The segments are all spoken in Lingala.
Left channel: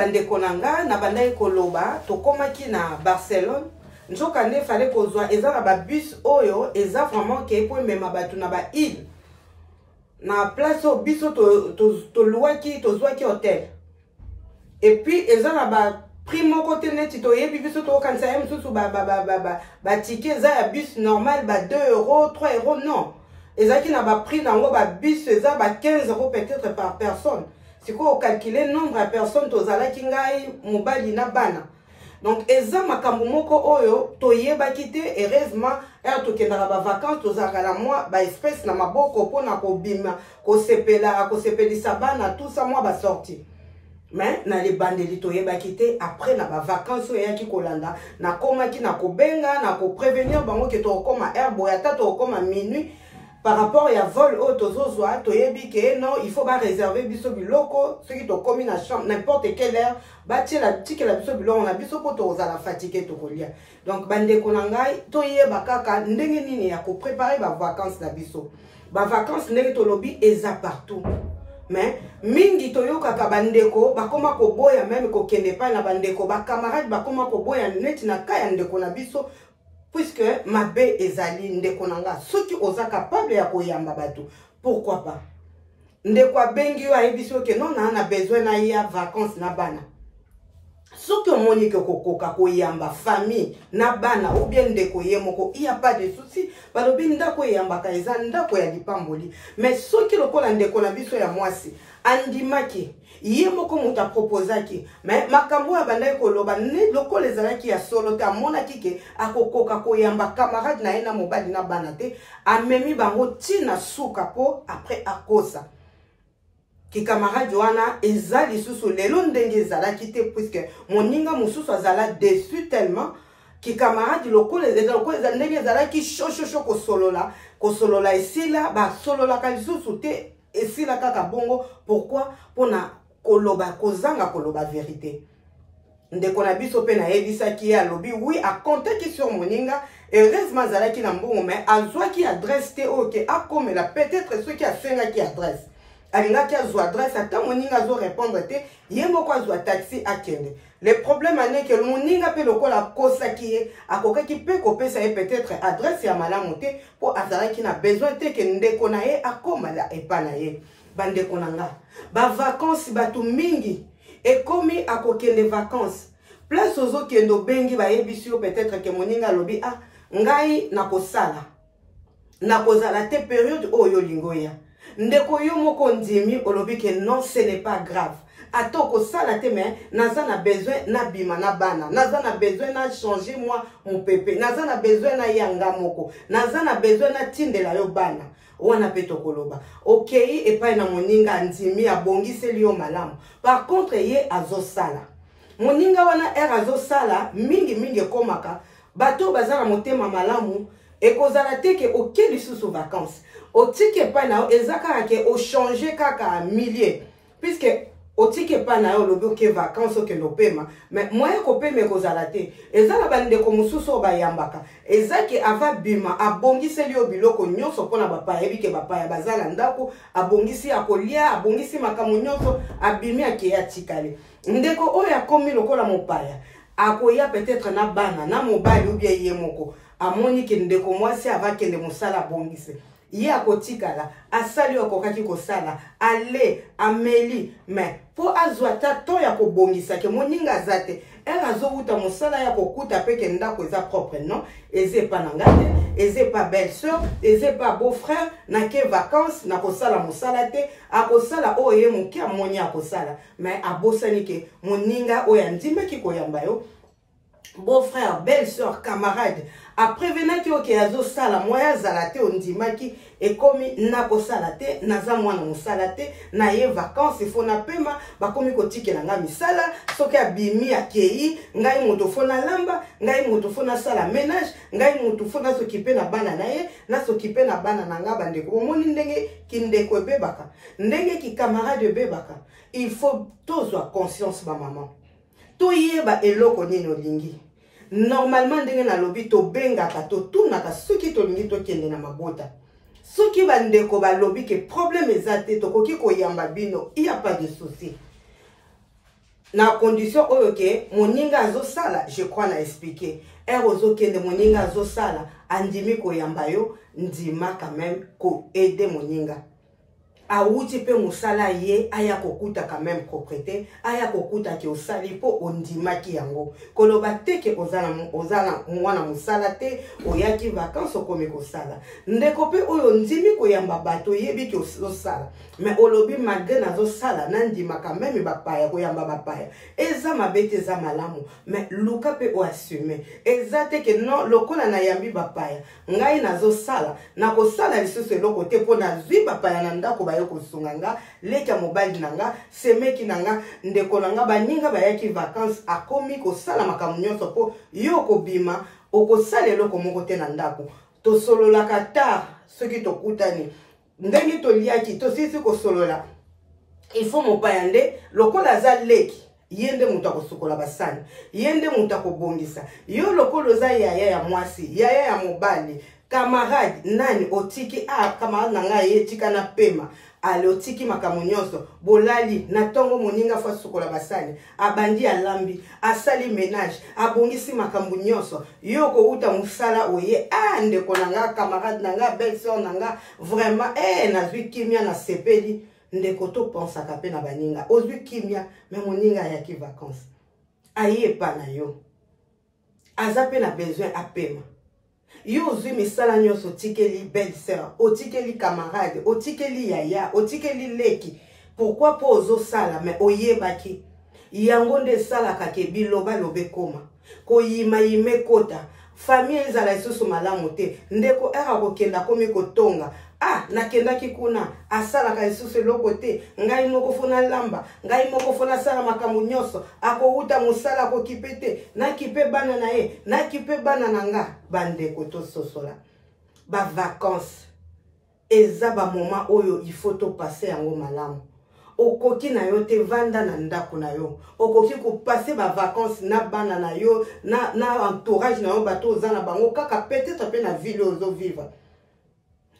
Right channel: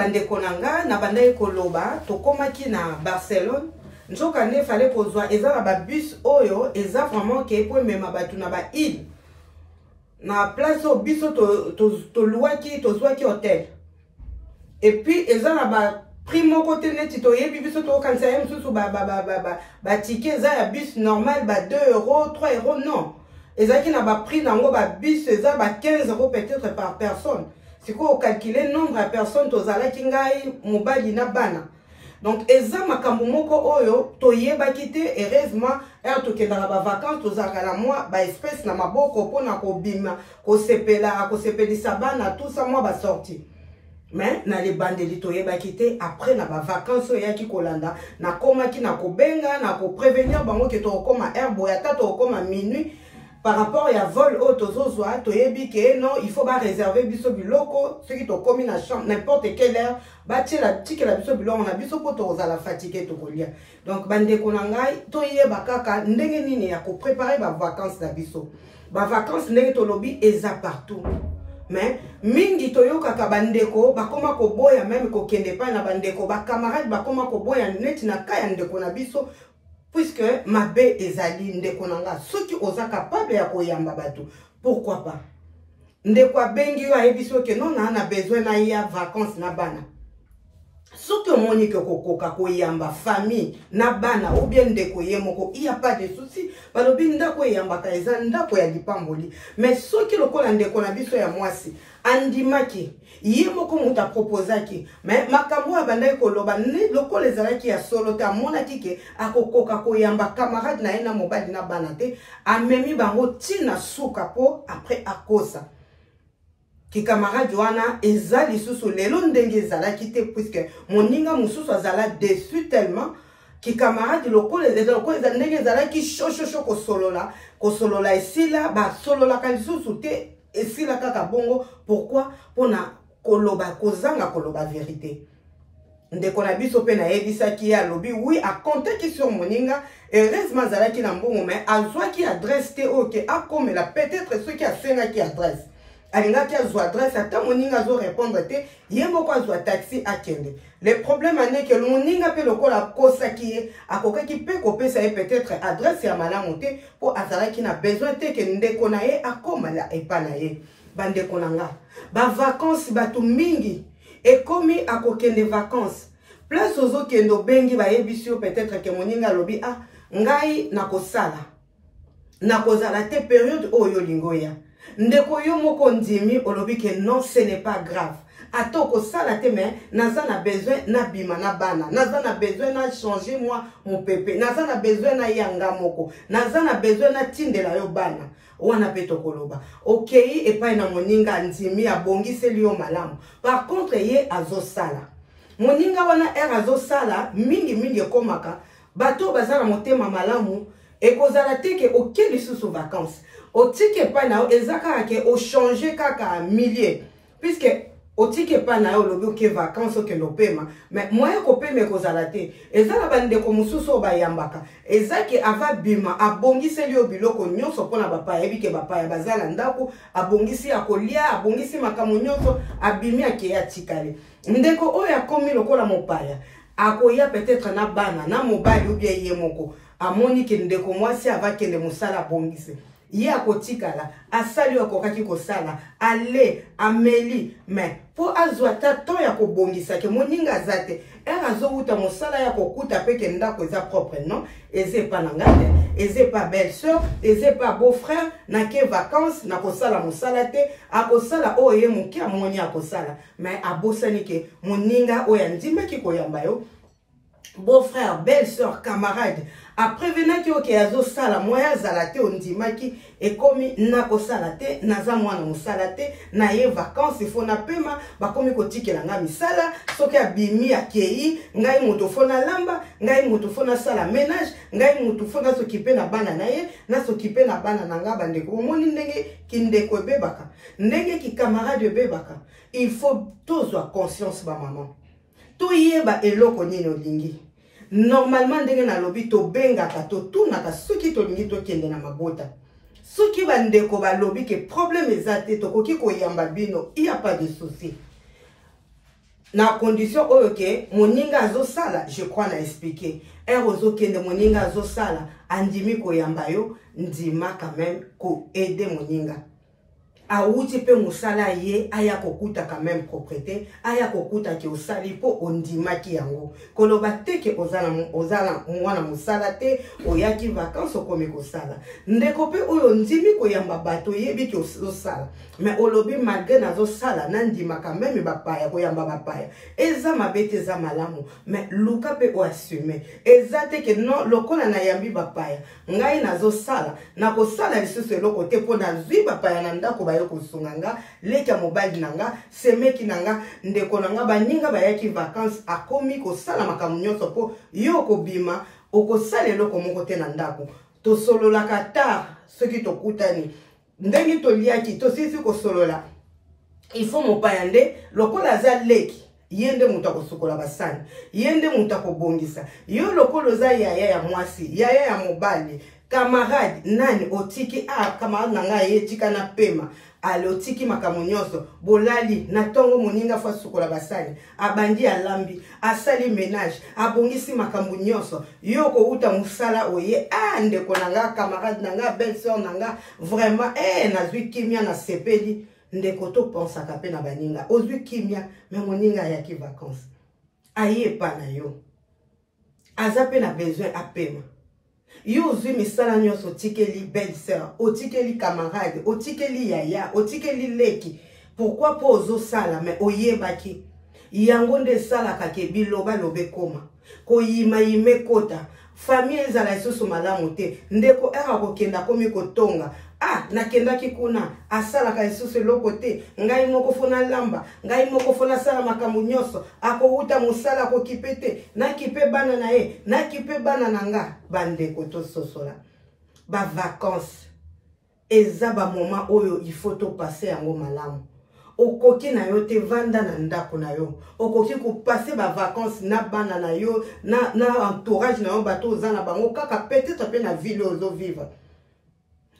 bande konanga na banda koloba to komaki na Barcelone nzoka ne fallait kozwa eza ba bus oyo eza vraiment ke po mema batu na ba île na place au biso to luaki to zwaki hôtel et puis eza na ba primo côté net to yebi biso to kanisa yem susu ba ticket za ya bus normal ba 2 €, 3 € non eza ki na ba prix nango ba bus eza ba 15 € peut-être par personne. Si vous calculez le nombre de personnes qui ont na bana. Donc, eza makambo moko oyo toyeba kite heureusement to kenda ba vacances tozaka la moi ba espèce na maboko pona ko bima ko sepelisa bana tout ça moi ba sorti. Mais na les bandeli toyeba kite après na ba vacances oyo ki kolanda na koma ki na ko benga na ko prévenir bango ke to koma herbe ya tato koma minuit. Par rapport à vol autozozwa, toyebi que non, il faut pas réserver biso biloko, ceux qui t'ont commis la chambre, n'importe quelle heure, bâti la petite la biso biloko, on a biso poto za la fatigue to kolia. Donc bande konangai, toyeba kaka ndenge nini ya ko préparer ba vacances na biso. Ba vacances ndenge to lobi eza partout. Mais mingi toyoka ka bandeko bakoma ko boya même ko kende pa na bandeko ba camarade bakoma ko boya net na kaya ndeko na biso. Puisque ma bé ezali ndeko nanga soki oza capable ya koyamba bato pourquoi pas ndeko abengi yo ayebiso ke non na besoin na ya vacances na bana soki omoni ke kokoka koyamba famille na bana ou bien ndeko ye moko il y a pas de souci balobi ndako yamba ka eza ndako ya lipamboli mais soki lokola ndeko na biso ya mwasi andimaki ye moko muta proposaki mais makambo ya bandai koloba ne lokola ezalaki ya solo ta mona kike akokoka koyamba camarade na ena mobali na bana te amemi bango tina suka po après akosa ki camarade wana ezali susu lelo ndenge ezalaki te puisque moninga mususu azala déçu tellement ki camarade lokola ezala ndenge ezalaki shosho kosolola esila ba solola kalisusu te esila kaka bongo pourquoi pona koloba kozanga koloba vérité ndeko na biso pe na yebisaki ya lobi oui a compter sur moninga heureusement zalaki na mbongo mais azwaki adresse te oke akomela peut-être ceux qui a fengaki adresse alingaki azwa adresse ata moninga zo répondre te ye moko azwa taxi akende le problème ane que moninga pe lokola kosaki ye akokaki pe kopesa ye peut-être adresse ya malamu te po azalaki na besoin te ke ndeko na ye akomala epa na ye bandeko nanga ba vacances batu mingi ekomi akokende vacances place ozo kendo bengi ba yebisio peut-être que moninga lobi ah ngai nakosala nakozala te période oyo lingoya ndeko yo moko ndimi olobi que non ce n'est pas grave atoko sala te mais naza na besoin na bima na bana naza na besoin na changer moi mon pépé naza na besoin na yanga moko naza na besoin na tindela yo bana wana peto koloba okay epai na moninga ndimi abongiseli yo malamu par contre ye azosala moninga wana azosala mingi komaka bato bazala motema malamu ekozala te ke okeli susu vacances otike pa na ezaka ke o changer kaka millier puisque otike pa na yo lobi ke vacances ke lopema mais moya ko peme kozala te ezala bande ko mususu bayambaka ezaki ava bima abongiseli yo biloko nyonso pona bapa yebike bapa ya bazala ndako abongisi akolia abongisi makamu nyonso abimi akeya tikale ndeko oyo akomi lokola mopaya akoya peut-être na bana na mobali ou bien ye moko amoni ke ndeko mwasi avakende musala bongise ye akotikala asali okokaki kosala ale ameli mais po azwa tato ya kobongisa ke moninga zate azouta mosala ya kokuta peke ndako eza propre non eze pa nangate eze pa belle sœur eze pa beau frère na ke vacances na kosala mosala te akosala oye moki amoni akosala mais abosani ke moninga oya ndimaki koyamba yo beau frère belle sœur camarade après venaki oke azo sala moya zalate ondimaki ekomi nako salate naza mwana musalate na ye vacances ifo na pema bakomi kotikela nga misala soki abimi akei ngai moto fona lamba ngai moto fona sala ménage ngai moto fona sokipe na bana na ye na sokipe na bana na nga bandeko omoni ndenge kindeko bebaka ndenge ki camarade bebaka il faut tozwa conscience ba maman toyeba eloko nini olingi normalement ndenge na lobi to bengaka to tunaka soki to lingi to kende na mabota soki bandeko ba lobi ke problème ezate to koki koyamba bino il y a pas de souci na condition oyo ke moninga azo sala, je crois na expliquer ozo kende moninga azo sala andimi koyamba yo ndima quand même ko aider moninga auti pe musala ye aya kokuta quand même propriété aya kokuta ki osali po ondima ki yango koloba teke ozala mwana musala te oyaki vacances okomi kosala ndeko pe oyo ndimi koyamba bato yebi ki osala mais olobi malgré nazo sala na ndima quand même bapaya koyamba bapaya eza mabete eza malamu mais luka pe o assumer eza teke non lokola na yambi bapaya ngai nazo sala na kosala lisusu eloko te po na zwi bapaya na ndako ba kusunganga leka mobile nanga semeki nanga ndeko nanga baninga bayaki vacances akomi ko sala makamu nyonso po yo ko bima okosala eloko moko te na ndako to solola kata soki to kutani ndenge to liaki to sisi ko solola il faut mopaya nde lokola za leki yende muta kosukola basani yende muta kobongisa yo lokolo za yaya ya mwasi yaya ya mobali camarade nani otiki camarade nanga ye tika na pema ale otiki makamu nyonso bolali na tongo moninga fa sukola basani abandi alambi asali ménage abongisi makambu nyonso yo ko uta musala oye ndeko nanga camarade nanga belle sœur nanga vraiment nazwi kimia na sepeli ndeko to pensaka pe na baninga ozwi kimia me moninga yaki vacances aye pa na yo aza pe na besoin apema yo ozwi misala nyonso otikeli belle sœur otikeli camarade otikeli yaya otikeli leki pourquoi po ozosala mais oyebaki yango nde esalaka ke biloba lobe koma koyima yime kota famille ezala lisusu malamu te ndeko kokenda komi kotonga nakendaki kuna asalaka lisusu eloko te ngai moko fona lamba ngai moko fona sala makambo nyonso akouta mosala akokipe te nakipe bana na ye nakipe bana na nga bandeko tososola bavacances eza bamoma oyo il faut topase yango malamu okoki na yo te vanda na ndako na yo okoki kopase bavacances na bana na yo na entourage na yo bato oza na bango kaka peut-être pe na ville ozo vivre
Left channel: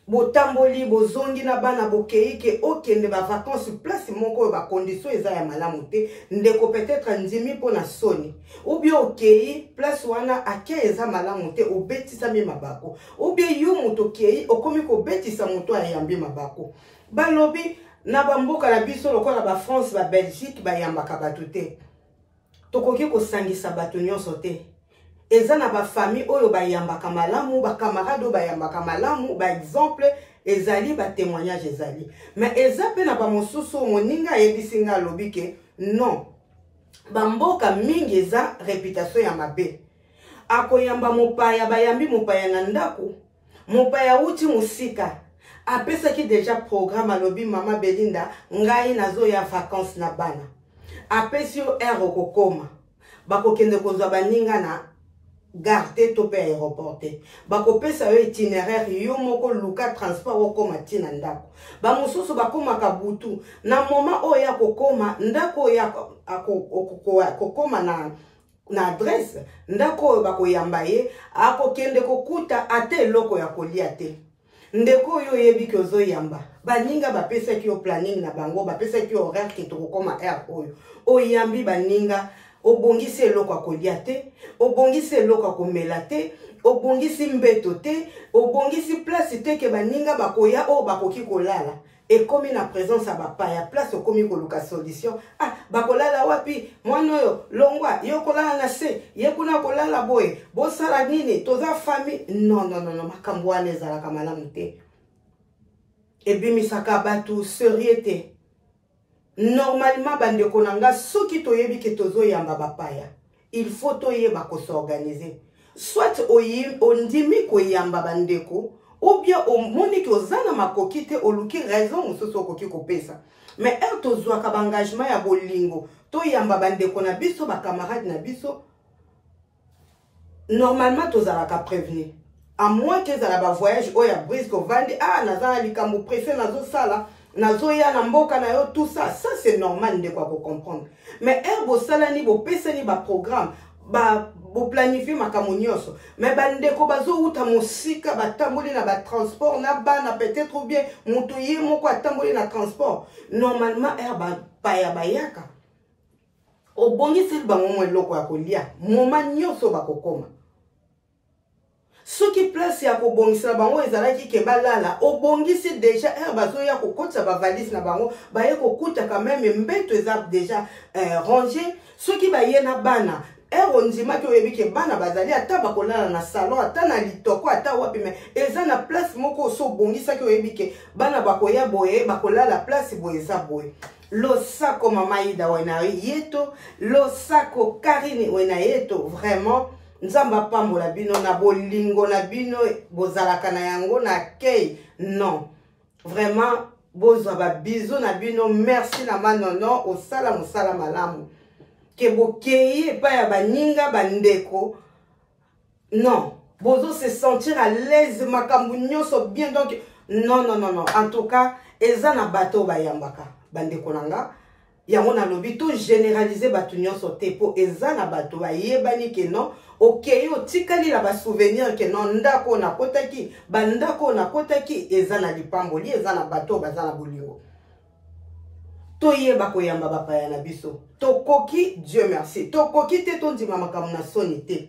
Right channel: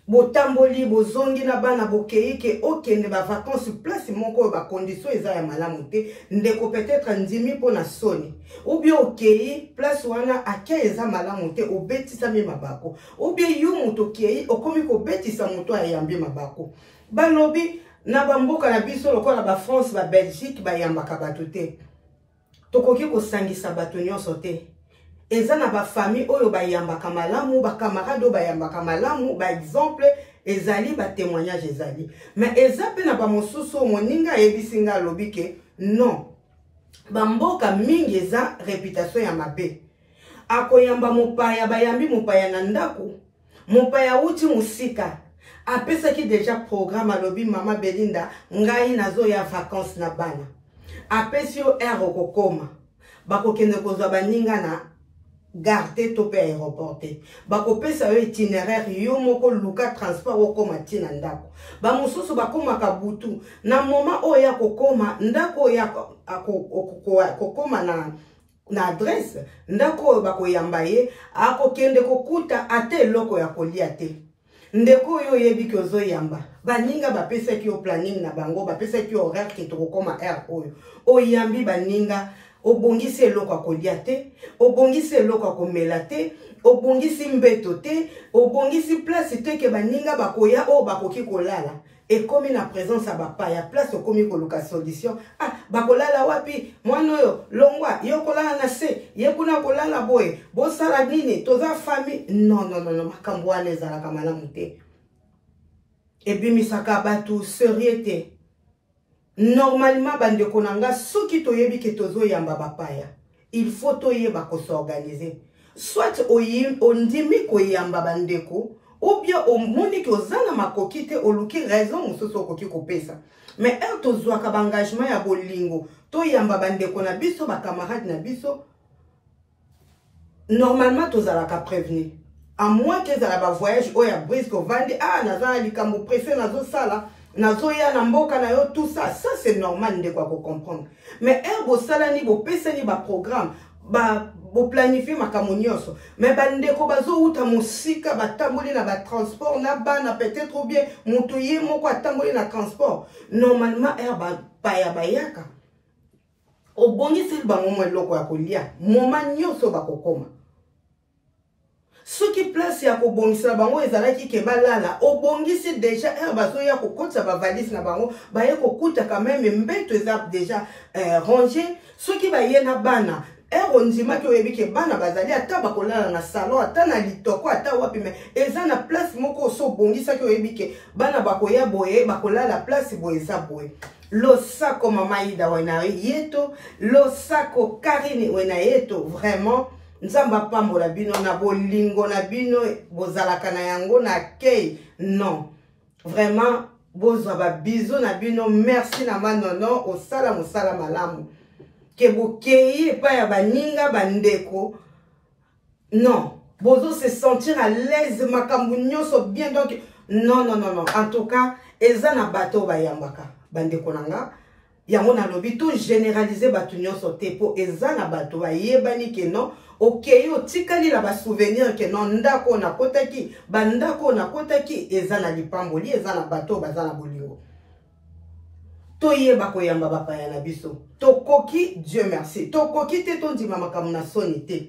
botamboli bozongi na bana bokei ke okende bavacances place moko ba condition eza ya malamu te ndeko peut-être ndimi po na soni ou bien okei place wana ake eza malamu te obetisa mi mabako ou bien yo moto okei okomi kobetisa moto ayambi mabako balobi na bamboka na biso lokola ba France ba Belgique bayambaka bato te tokoki kosangisa bato nyonso te eza na ba famille oyo bayambaka malamu ba camarade oyo bayambaka malamu ba exemple ezali ba témoignage ezali mais eza pe na ba mosusu moninga yebisinga lobi ke non bamboka mingi eza réputation ya mabe akoyamba mopaya bayambi mopaya na ndako mopaya uti musika apesaki déjà programme alobi mama Belinda ngai nazo ya vacances na bana apesi yo okokoma bakokende kozwa baninga na garde to pe aéroport te bakopesa yo itinéraire yo moko luka transport okoma tina ndako bamosusu bakomaka butu na moment oyo ya kokoma ndako ya kokoma na adresse ndako oyo bakoyamba ye akokende kokuta ate eloko ya kolia te ndeko yo yebi ki ozoyamba baninga bapesaki yo planning na bango bapesaki yo horaire ke tokokoma air oyo oyambi baninga obongisi eloko akolia te obongisi eloko akomela te obongisi mbeto te obongisi place te ke baninga bakoya o bakoki kolala ekomi na présence ya bapaya place okomi koluka solution bakolala wapi mwana oyo longwa yo kolala na se ye kuna kolala boye bosala nini toza famille non makambo wana ezalaka malamu te ebimisaka bato serie te normalement bandeko nanga soki toyebi ke tozoyamba bapaya il faut toyeba kosorganiser soit ondimi koyamba bandeko ou bien omoni ke ozana makoki te oluki raison mosusu okoki kopesa mais tozwaka baengagement ya bolingo toyamba bandeko na biso bacamarade na biso normalement tozalaka prévenir à moins que ezala bavoyage oyo ya brisque ovandi naza na likambo pressé nazosala nazoya na mboka na yo tout ça c'est normal ndeko ko comprendre mais bosalani bopesani ba programme bo planifier makambo nyonso mais bandeko bazouta mosika batamboli na ba transport na bana peut-être ou bien mutu ye moko atamboli na transport normalement paya bayaka obongisi bango mo eloko ya kolia moma nyonso bakokoma soki place ya kobongisa bango ezalaki ke balala obongisi déjà bazoya kokotisa bavalise na bango baye kokuta quand même mbeto eza déjà rangé soki baye na bana ondimaki oyebi ke bana bazali ata bakolala na salon ata na litoko ata wapi me eza na place moko oso obongisaki oyebi ke bana bakoya boye bakolala place boye eza boye losako mama Ida wena yeto losako Karine wena yeto vraiment nzamba pambola bino na bolingo na bino bozalaka na yango na kei non vraiment bozwa ba biso na bino merci na manono osala mosala malamu ke bokei pa ya baninga bandeko non bozo se sentir à l'aise makambu nyonso bien donc non en tout cas eza na bato bayambaka bandeko nanga yango na lobi tout généraliser bato nyonso te po eza na bato bayebani ke non okei otikali la ba souvenir ke non ndako na kotaki bandako na kotaki eza na lipamboli eza na bato baza na bolingo toyeba koyamba bapaya na biso tokoki Dieu merci tokoki te tondima makambo na soni te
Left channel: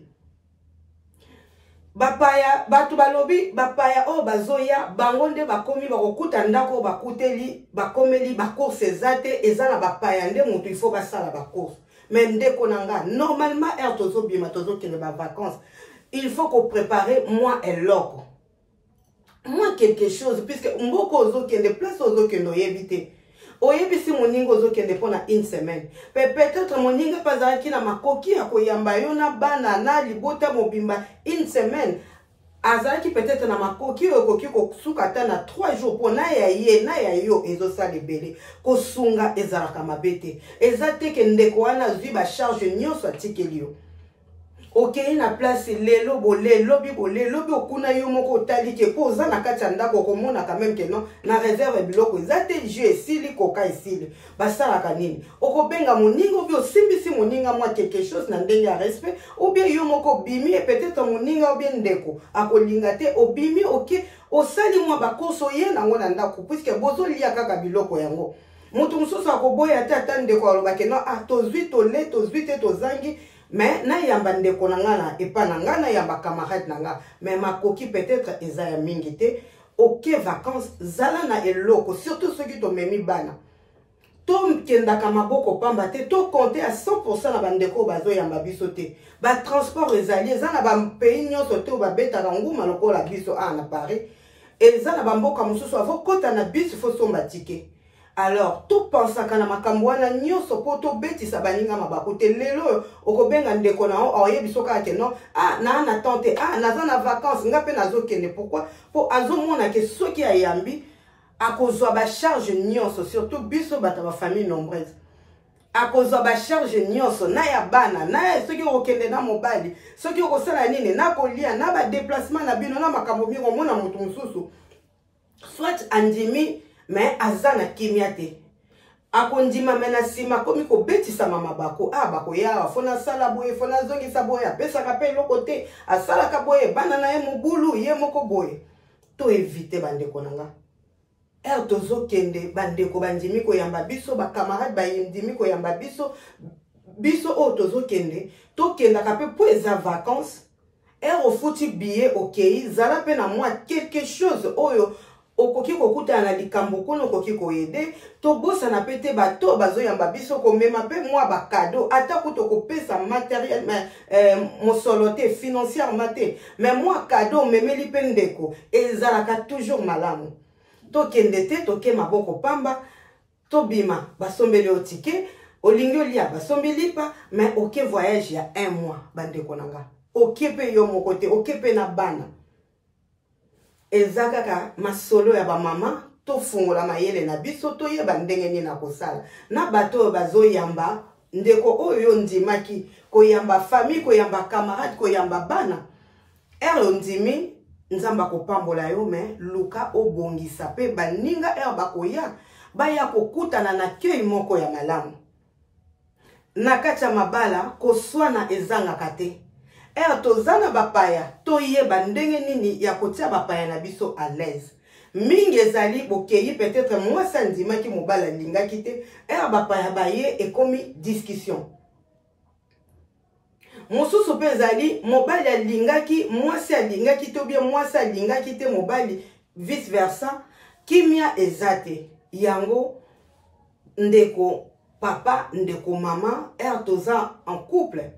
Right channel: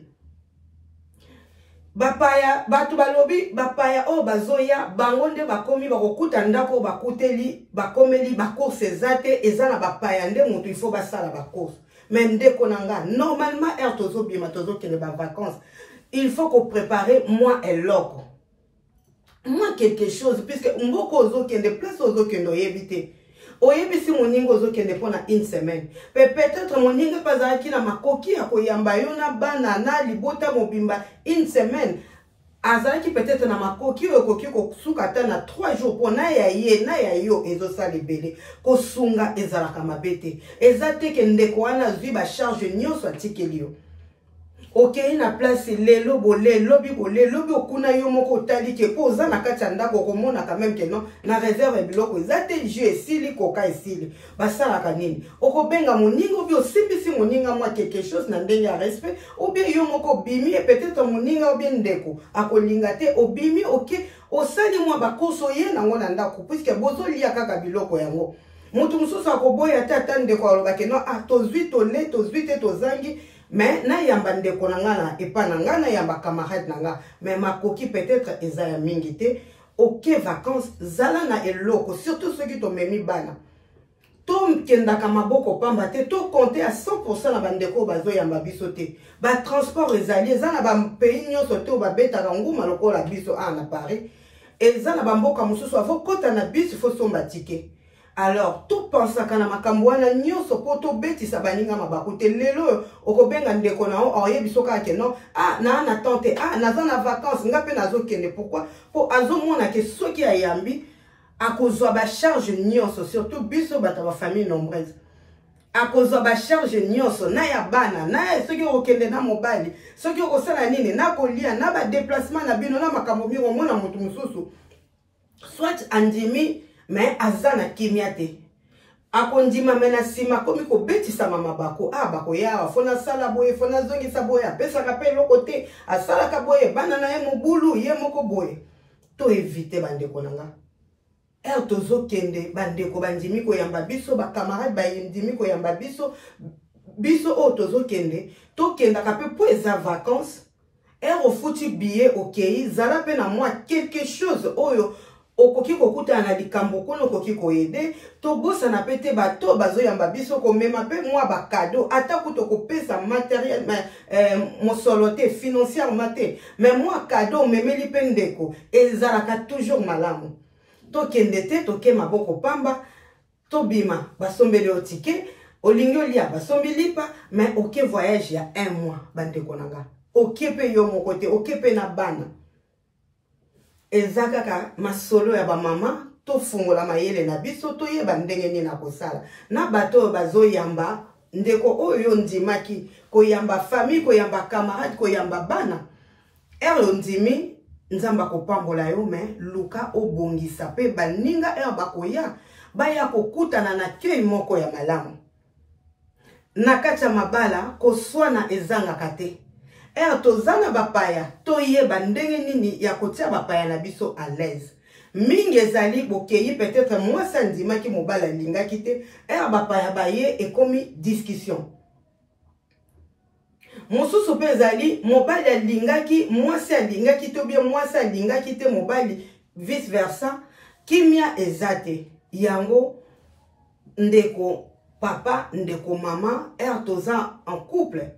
bapaya bato balobi bapaya o bazoya bango nde bakomi bakokuta ndako bakuteli bakomeli bacourse ezate eza na bapaya nde moto il faut basala bacourse mais ndeko nanga normalement er tozo bima tozo kende ba vacances il faut qu'on prépare moi eloko moi quelque chose puisque mboko ozo kende place ozo kende oyebite oyebisi moninga ozo kende pona une semaine peut-être moninga pazalaki na makoki ya koyamba yo na bana na libota mobimba une semaine azalaki peut-être na makoki okoki kosuka ata na 3 jours pona ya ye na ya yo ezosala ebele kosunga ezalaka mabete eza te ke ndeko wana zwi ba charge nyonso atikeli yo okei na place lelo lobi okuna yo moko otali ke po oza na kati ya ndako okomona quand même ke non na réserve biloko eza te jus esili koka esili basalaka nini okobenga moninga obi osimbisi moninga mwa quelque chose na ndenge ya respect obie yo moko obimi et peut-être moninga obie ndeko akolinga te obimi oke osali mwa bakoso ye nango na ndako puisque bozolia kaka biloko yango moto mosusu akoboya te ata ndeko alobake non tozwi tole tozwi te tozangi mais na yamba ndeko nanga na epa nanga na yamba camarade nanga mais makoki peut-être eza ya mingi te ok vacances zala na eloko surtout ceux qui tomemi bana to kendaka maboko pamba te to compter à 100% na bandeko bazo yamba biso te ba transport ezali eza na ba pays nyonso te babetaka nguma lokola biso na Paris eza na bamboka mosusu avo kota na biso fo somba ticket. Alors, tout pense à kana makambo wana nyonso po to betisa baninga mabaku te lelo okobenga ndeko na o oyebiso ka ke non na tante naza na vacances ngape nazo kende pourquoi po azomona ke soki ayambi akozwa ba charge nyonso surtout biso bata ba famille nombreuse akozwa ba charge nyonso na ya bana na soki okende na mobali soki okosala nini na kolia na ba déplacement na bino na makambo bino mona moto mususu soit andimi mais azana kimia te akondima mena sima komi ko betisa mama bako bako ya fona sala boye fona zongi sa boye apesa ka pe loko te asala ka boye bana na ye mobulu ye moko boye to éviter bandeko nanga tozo kende bandeko bandimi ko yamba biso ba camarade ba ndimi ko yamba biso tozo kende to kenda ka pe po eza vacances ofuti billet okei zala pe na moi quelque chose oyo okoki kokuta na likambo kono okoki koyede to bosa na pete bato bazo yamba biso ko mema pe moi ba cadeau ata kuto ko pesa matériel mosolo te financièrement te mais moi cadeau memeli pe ndeko ezalaka toujours malamu to kende te to ke maboko pamba to bima basombeli otike olingi olia basombeli pa mais oke voyage ya 1 mois bandeko nanga oke pe yo moko te oke pe na bana ezakaka masolo ya ba mama to fungola mayele na biso to yeba ndenge nini na kosala na bato bazo yamba ndeko oyo ndimaki ko yamba famille ko yamba camarade ko yamba bana ndimi nzamba ko pambola yo mais luka obongisa pe baninga bakoya baya kokutana na kei moko ya malamu na kati ya mabala koswana ezangaka te tozana bapaya toyeba ndenge nini ya kotia bapaya na biso à l'aise mingi ezali bokeyi peut-être mwasi andimaki mobala lingaki te bapaya baye ekomi discussion mosusu pe ezali mobali alingaki mwasi alingaki to bien mwasi alingaki te mobali vice versa kimia ezate yango ndeko papa ndeko mama toza en couple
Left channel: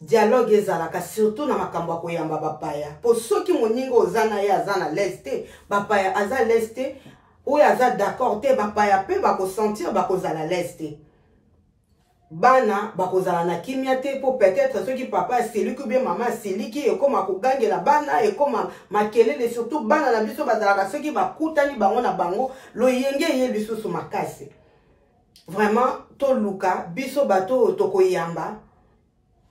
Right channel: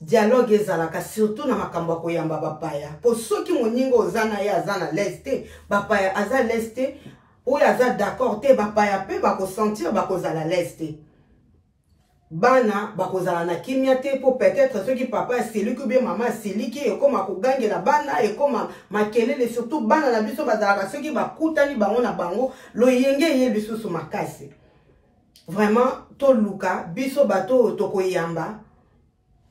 dialogue ezalaka surtout na makambo koyamba bapaya po soki moninga ozana ye azana leste bapaya aza leste oyo aza d'accord te bapaya pe bakosentir bakozala leste bana bakozala na kimia te po peut-être soki papa asiliki ou bien mama asiliki ekoma kogangela bana ekoma makelele surtout bana na biso bazalaka soki bakutani bango na bango loyenge ye lisusu makasi vraiment toluka biso bato tokoyamba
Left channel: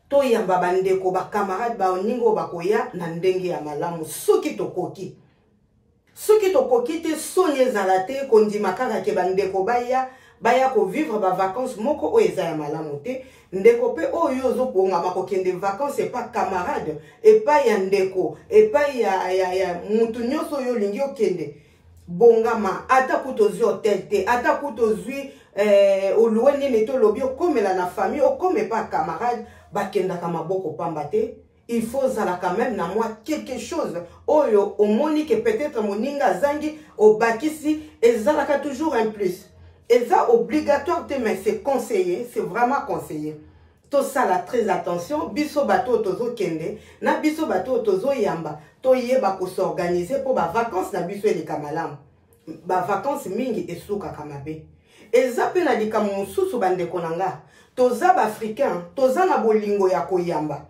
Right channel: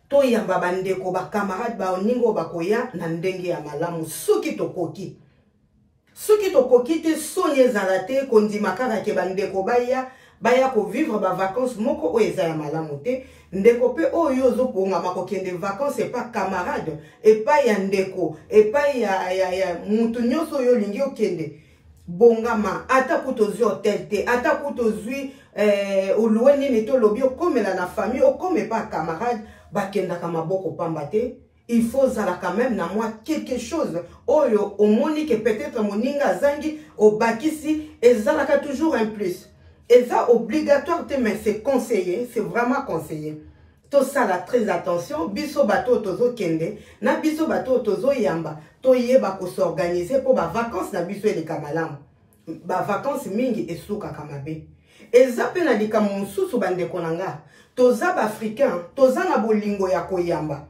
toyamba bandeko bakamarade baoningo bakoya na ndenge ya malamu soki tokoki te soni ezala te kondima kaka ke bandeko baya ko vivre ba vacances moko oyo eza ya malamu te ndeko pe oyo ozobongama kokende vacances epa camarade epa ya ndeko epa ya mutu nyonso oyo olingi okende bongama ata kutozwi hotel te ata kutozwi oluwe nini tolobi okomela na famille okome pa camarade bakendaka maboko pamba te il faut zala quand même na moi quelque chose oyo omoni que peut-être moninga zangi obakisi ezalaka toujours un plus. Et ça obligatoire te mais c'est conseillé, c'est vraiment conseillé. Tout ça là très attention, biso bato tozo kende, na biso bato tozo yamba, to yeba ko s'organiser pour ba vacances na biso ele kamalam. Ba vacances mingi esuka kamabe. Eza pe na likamu mususu bande konanga, toza ba africain, toza na bolingo ya koyamba.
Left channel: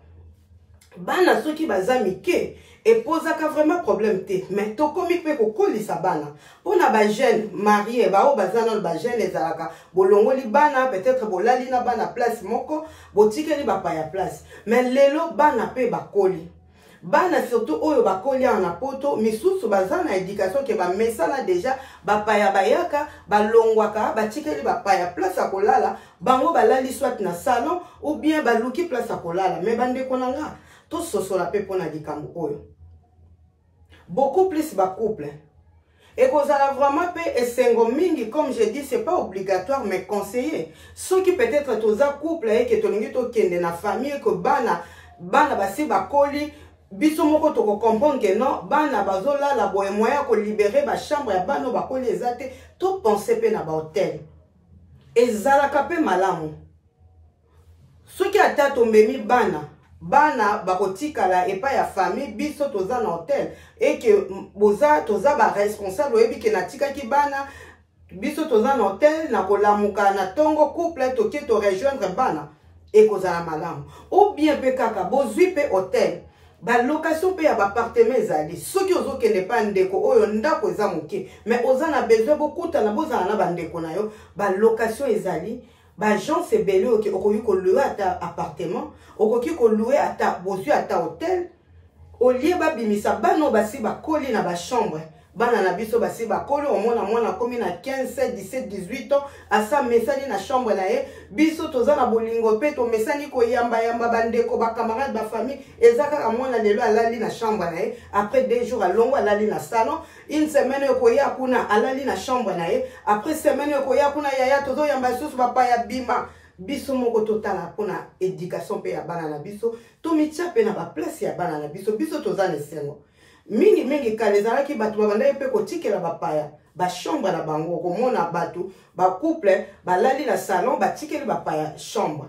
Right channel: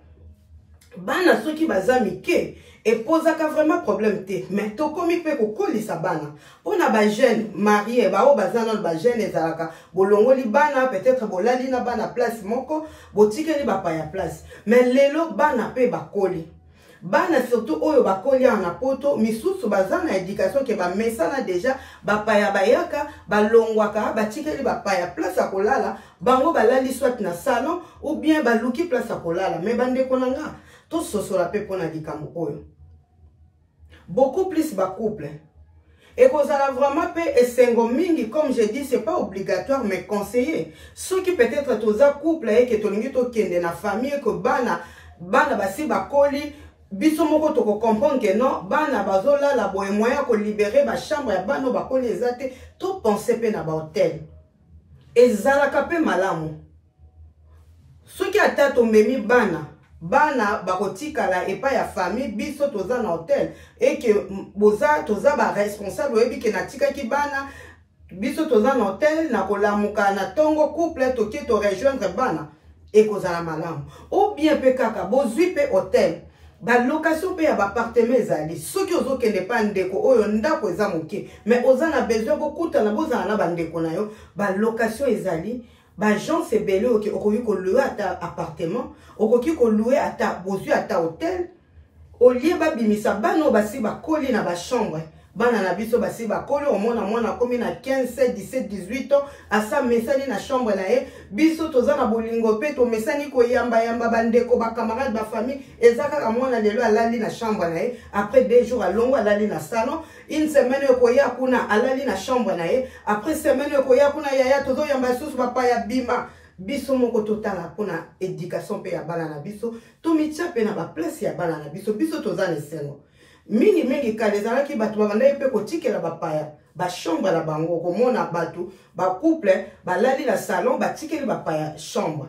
Bana soki baza mike et posaka vraiment problème te mais to komi pe ko kolisa bana pona ba jeune marié ba o bazana ba jeune ezalaka bolongoli bana peut-être bolali na bana place moko botikeli ba pa ya place mais lelo bana pe bakoli bana surtout oyo bakoli na poto misusu bazana éducation ke ba mesana déjà ba pa ya bayaka balongwaka batikeli ba pa ya place a kolala bango balali soit na salon ou bien baluki place a kolala mais bande konanga tout ce la pe pona likambo oyo beaucoup plus ba couple et kozala vraiment pe esengo mingi comme je dis c'est pas obligatoire mais conseillé ceux qui peut-être toza couple et que tolingi to kende na famille que bana basi bakoli biso moko to ko comprendre que non bana bazola la boye moyen ko libérer ba chambre ya bano bakoli ezate tout penser pe na ba hôtel ezalaka pe malamu ceux qui ata tombemi bana bakotikala epa ya famille biso toza na hôtel et que boza toza ba responsable oyebi ke natikaki bana biso toza na hôtel na kolamuka na tongo couple toki to rejoindre bana et kozala malamu ou bien pe kaka bozwi pe hôtel ba location pe ya ba appartement ezali soki ozokende pa ndeko oyo ndako eza moke mais oza na besoin bokuta na bozala na bandeko na yo ba location ezali ba gens c'est belé okoki ko louer ata appartement okoki ko louer ata bozwi ata hôtel au lieu ba bimisa bano basi ba koli na ba chambre bana na biso basi ba koli au mwana komi na 15 17 18 ans asa mesani na chambre na ye biso toza na bolingo pe to mesani ko yamba bandeko ba camarade ba famille ezaka ka mwana lelo alali na chambre na ye après 2 jours alongo alali na salon une semaine ko ya kuna alali na chambre na ye après semaine ko ya kuna yaya tozo yamba susu papa ya bima biso moko totala pona éducation pe ya bana na biso to mitia pe na ba place ya bana na biso toza na sengo mingi kalezala ki batu babanda pe kotikela bapaya ba chambre na bango komona batu ba couple balali na salon batikeli bapaya chambre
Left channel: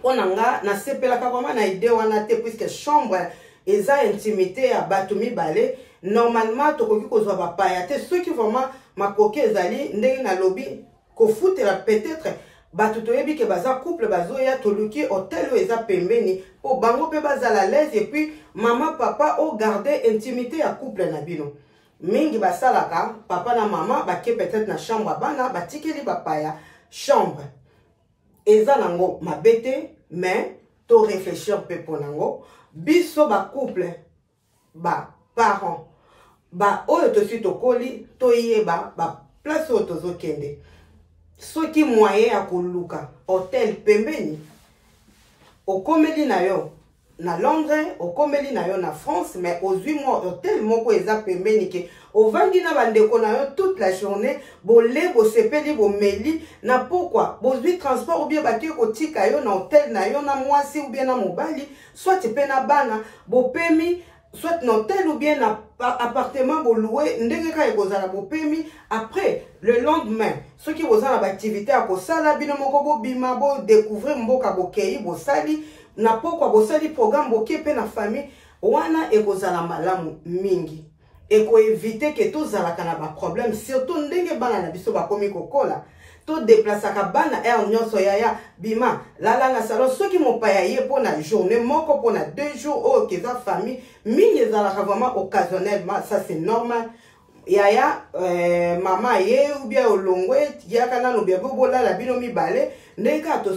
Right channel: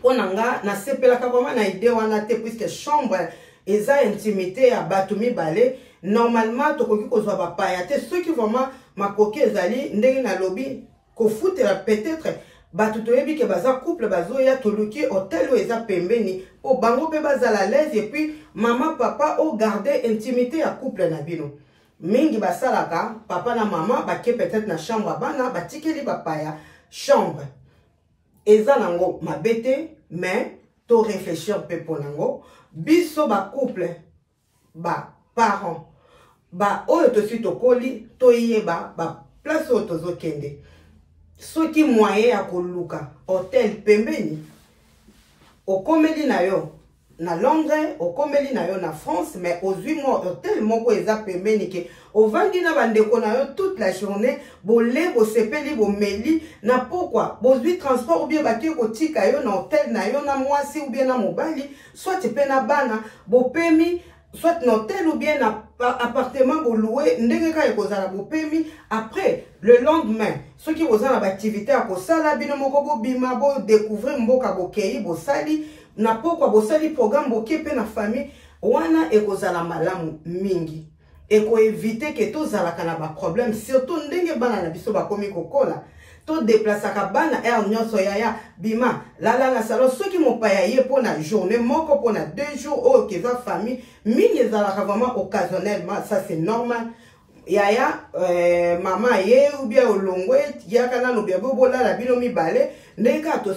pona nga na sepela ka vraiment na idée wana te puisque chambre eza intimité ya batu mibale normalement tokoki kozwa bapaya te ceux qui vraiment makoki ezali ndenge na lobby ko futela peut-être batu toyebi ke baza couple bazoya toluki hôtel ou eza pembeni po bango pe bazala à l'aise et puis maman papa o garder intimité ya couple na bino mingi basalaka papa na maman bake peut-être na chambre bana batikeli bapaya chambre eza nango mabete mais to réfléchir pe ponango biso ba couple ba parents ba oyo tosi tokoli toyeba ba place oyo tozokende soki moyen ya koluka hôtel pembeni okomeli na yo na Londres, okomeli na yo na France, mais ozwi mo hôtel moko eza pembeni ke ovandi na bandeko na yo toute la journée, bole bo sepeli bo meli na pourquoi bozwi transport ou bien baki kotika yo na hôtel na yo na mwasi ou bien na mobali, soit pe na bana bo pemi soit na hôtel ou bien na appartement bo loué ndenge ka ekozala bo pemi. Après le lendemain ceux qui bozala ba activité ya kosala bino moko bo bima bo découvrir mboka bo kei bo sali na pourquoi bo sali programme bo kepe na famille wana ekozala malamu mingi eko éviter que tout zalaka na ba problème surtout ndenge bana na biso ba komi kokola to déplaçaka bana nyonso ya bima lala na salon soki mopaya ye pona journée moko pona 2 jours o keza famille mingi ezalaka vraiment occasionnellement, ça c'est normal. Yaya mama ye ou bien olongwe yaka nanu bien bobola la bino mibale ndeka to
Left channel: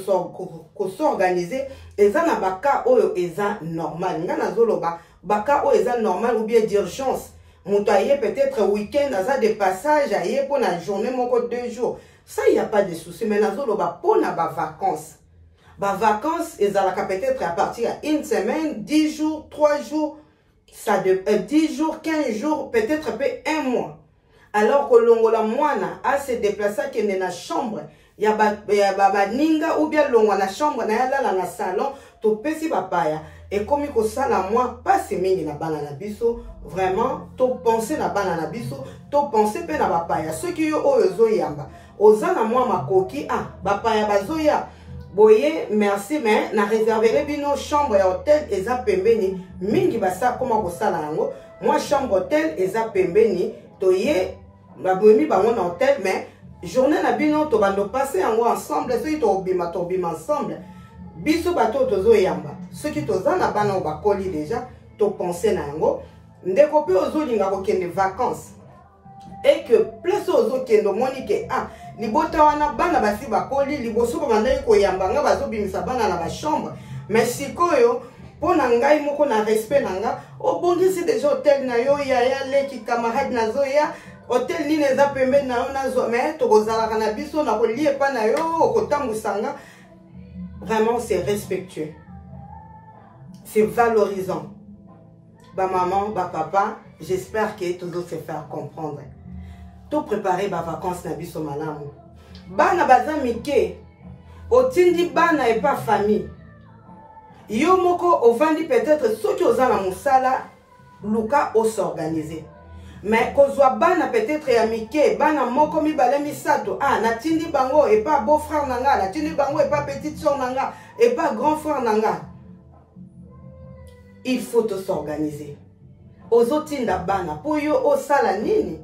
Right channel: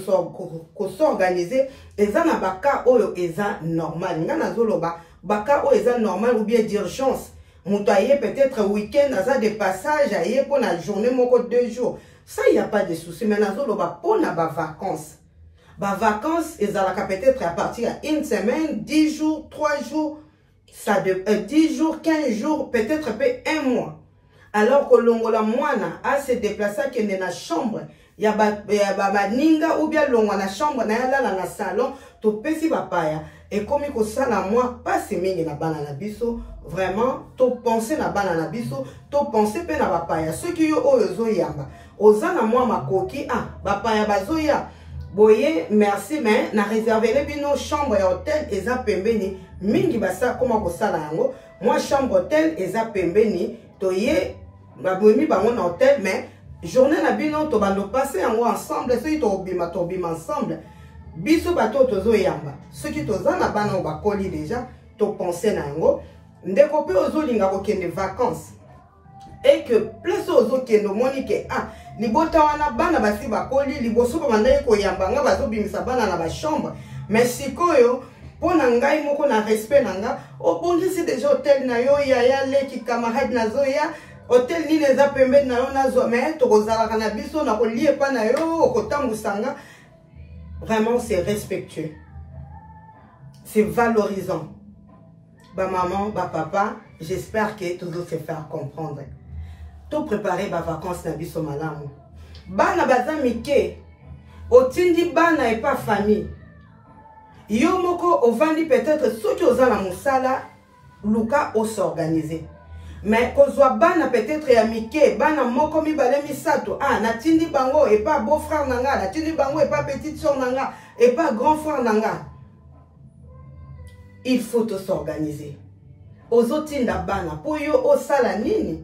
s'organiser eza na baka oyo eza normal nga nazoloba baka oyo eza normal ou bien d'urgence muto aye peut-être week-end aza de passage aye pour la journée moko 2 jours, ça y a pas de souci. Mais nazoloba pona ba vacances. Ba vacances ezalaka peut-être à partir à 1 semaine, 10 jours, 3 jours, ça de 10 jours, 15 jours, peut-être peu 1 mois. Alors que longola mwana a se déplacer que na chambre, ya ba ninga ou bien longo na chambre na yala na salon, to pesi bapaya. Et comme il ça na moi pas se mingi na bana na biso, vraiment to penser na bana na biso, to penser pe na bapaya. Ceux qui yo ozo yamba, oza na moi makoki bapaya bazoya. Boye merci mais na réserver bino chambre et hôtel eza pembeni mingi basa koma ko sala yango. Moi chambre hôtel eza pembeni toye babomi bango na hôtel mais journée na bino to bando passer yango ensemble, ceux qui to bima ensemble. Biso bato tozo yamba ceux qui toza na bana o bakoli déjà to penser na yango ndeko pe ozo linga ko kende vacances et que plus ozo kendo moni ke libota wana bana basi bakoli liboso ba mandai ko yamba nga bazo bimisa bana na ba chambre mais sikoyo pona ngai moko na respect nanga obongisi déjà hôtel na yo ya leki camarade na zoya hôtel ni neza pembe na yo na zo mais to kozala kana biso na ko lié pa na yo ko tambusanga. Vraiment, c'est respectueux. C'est valorisant. Ba maman, ba papa, j'espère que tout se faire comprendre. Tout préparer ba vacances na biso malamu. Bana baza mike. Otindi bana et pas famille. Yo moko ovandi peut-être ceux qui osent la musala luka o s'organiser. Mais kozwa bana peut-être ya mike, bana moko mibale misato, natindi bango et pas beau frère nanga, natindi bango et pas petite soeur nanga, et pas grand frère nanga. Il faut s'organiser. Ozotinda bana, pour yo osala nini?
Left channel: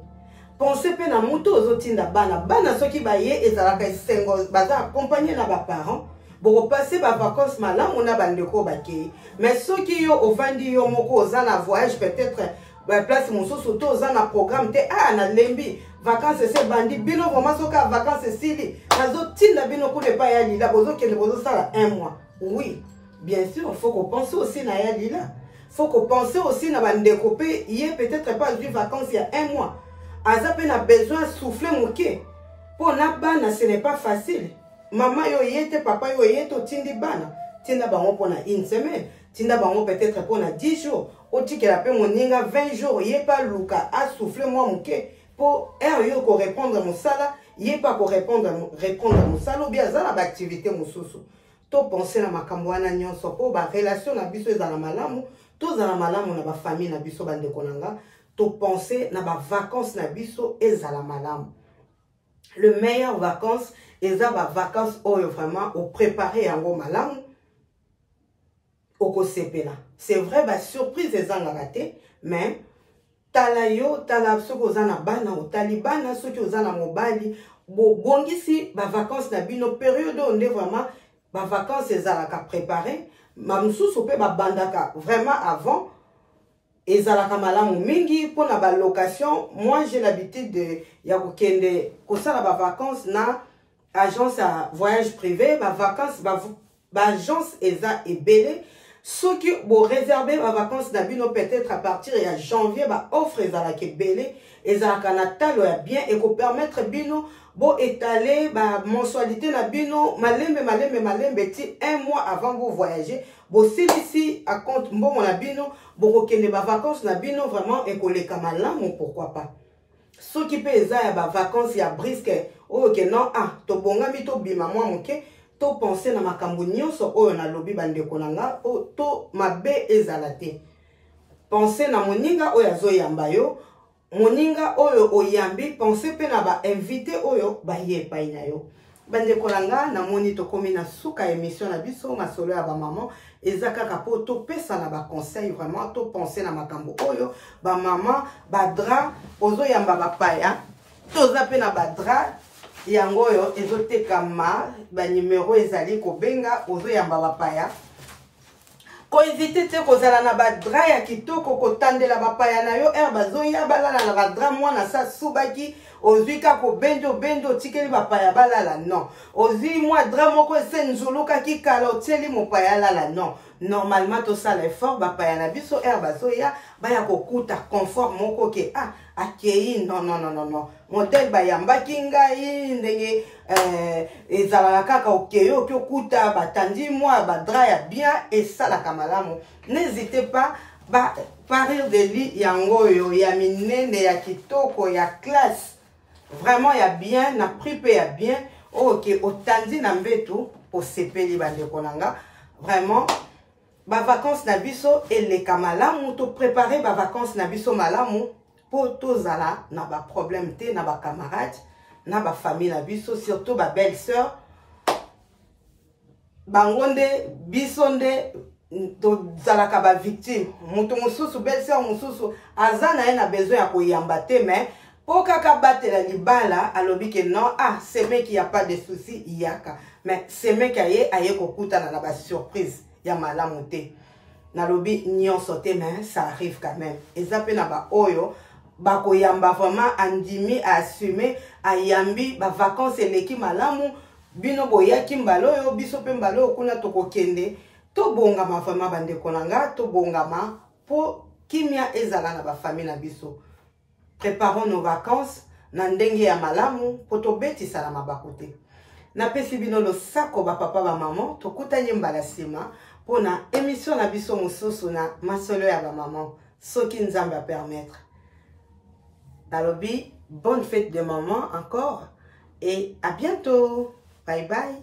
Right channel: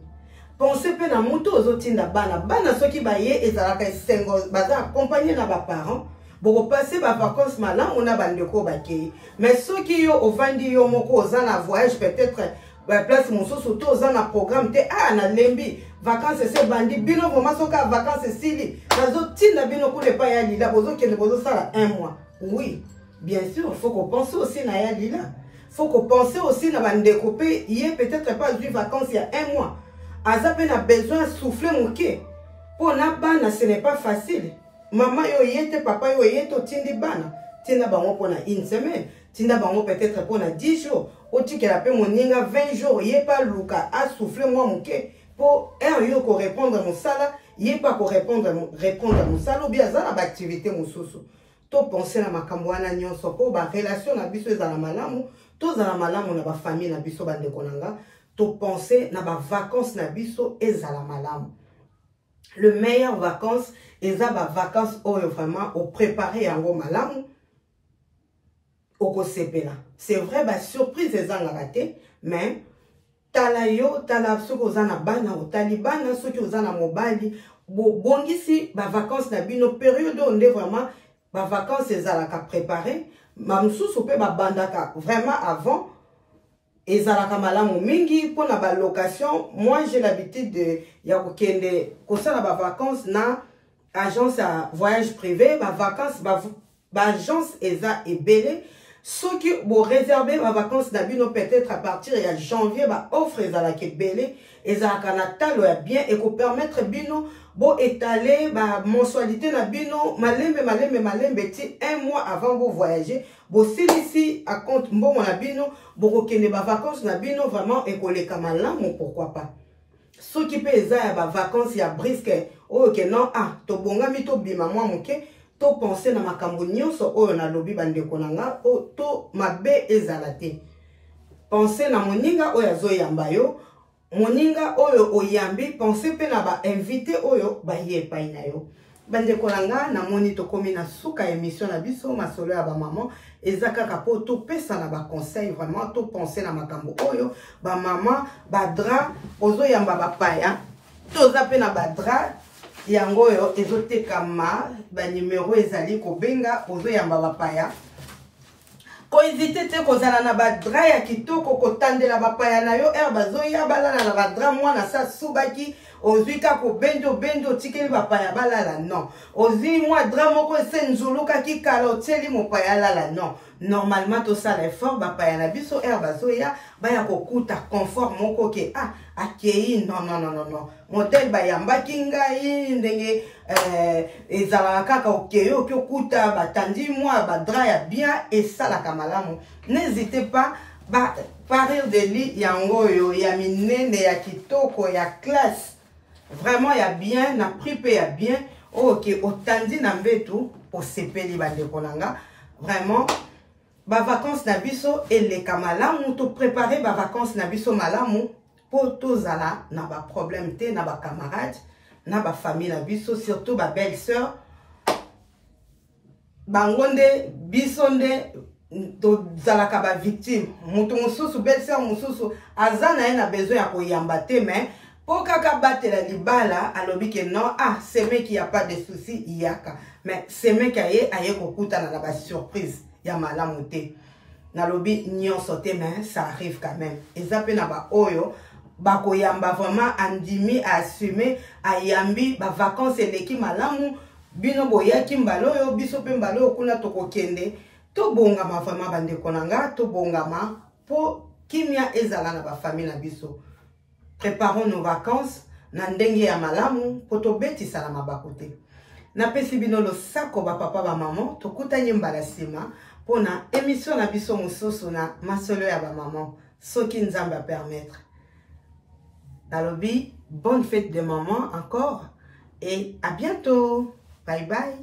Pensez pe na muto ozotinda bana, bana soki baye ezalaka sengo, baza accompagné na ba parents. Pour passer ba vacances malam, on a bandeko bakei. Mais soki yo ovandi yo moko ozana voyage peut-être ba place moso soto oza na programme te na lembi vacances c'est bandi bino vraiment soka vacances sili nazo tinda bino kule pa ya lila bozo kende bozo sala 1 mois. Oui, bien sûr, il faut qu'on pense aussi na ya lila. Faut qu'on pense aussi na bandeko pe yé peut-être pas du vacances il y a 1 mois. Aza pe na besoin souffler moké. Pour na bana ce n'est pas facile. Maman yo yete papa yo yete tindi bana. Tinda bango pour na 1 semaine. Tinda bango peut-être pour na 10 jours. Oti que la paix moninga 20 jours, yé pas luka a soufflé moi mouké pour yo ko répondre mon sala, yé pas ko répondre mon sala ou bien za la activité mosusu. To penser na makambo wana nyonso po ba relation na biso ezala malamu, to za la malamu na ba famille na biso bande konanga, to penser na ba vacances na biso ezala malamu. Le meilleur vacances eza ba vacances oyo vraiment au préparer yango malamu. C'est vrai, bah surprise les gens raté, mais talayo tala ceux qui ont bana ou talibana ceux qui ont mobali bongisi ba vacances na bino période on est vraiment ba vacances les alaka préparer mamsou sope ba bandaka vraiment avant et alaka malamu mingi pour la location. Moi j'ai l'habitude de ya kokende kosala ba vacances na agence à voyage privé ba vacances ba agence eza ebele. Ceux qui vont réserver ma vacances d'abino peut-être à partir de janvier, bah offre ezala kebele, ezala kanatalo ya bien et ko permettre bino bon étaler ma mensualité na bino malembe ti un mois avant vous voyager. Bon si ici à compte bon mon abino, bon kende ba vacances na bino vraiment et ko le kamalamu pourquoi pas. Ceux qui peut ya ba vacances ya brisque oh que non ah to bonga mi to bima moi moke. To penser na makambo nyonso oyo na lobi bandeko nanga o to mabe ezala te. Penser na moninga oyo azoyamba yo, moninga oyo oyambi, penser pe na ba invité oyo ba ye pai na yo. Bandeko nanga na moni to komi na suka émission na biso masolo ya ba maman ezaka kapo to pesa na ba conseil vraiment to penser na makambo oyo ba maman ba dra ozoyamba ba paya to za pe na ba dra yango yo ezotekama ba numéro ezali ko benga ozo yamba bapaya ko éviter te kozala na ba dra ya kitoko ko tandela bapaya na yo bazo ya balala na ba dra mwana sa subaki ozwika ko bendo tikeli bapaya balala non ozi mwa dra moko ese nzuluka ki kala oteli mopaya lala non normalement to sala effort bapaya na biso bazo ya baya kokuta confort moko ke akei non modèle bayambaki ngai ndenge ezalaka kaka okeyo okuta batandi mwa badra ya bien esalaka malamu. N'hésitez pas parir de lit yango yo ya minene ya kitoko ya classe vraiment ya bien na prix pe ya bien ok otandi na mbetu osepeli bandeko nanga vraiment ba vacances na biso eleka malamu to préparer ba vacances na biso malamu po tozala na ba problème te na ba camarades na ba famille na biso surtout ba belle-sœur bangonde bisonde to zalaka ba victime mutu mususu belle-sœur mususu azana na besoin ya koyamba te mais po kaka batela libala alobi ke non c'est mec qui a pas de souci yaka mais c'est mec aye kokutana na ba surprise ya malamu te na lobi nyonso te mais ça arrive quand même ezape na ba oyo bako yamba vraiment andimi à assumer ayambi ba vacances eleki malamu bino boyaki mbalo yo biso pe mbalo kuna tokokende to bongama vraiment bandeko nanga to bongama po kimia ezala na ba famille na biso. Préparons nos vacances na ndenge ya malamu po to betisa na mabako te. Na pesi bino lo sako ba papa ba maman to kutanye mbala sima pona émission na biso mosusu na masolo ya ba maman soki nzambe a permettre. Nalobi, bonne fête de maman encore et à bientôt. Bye bye.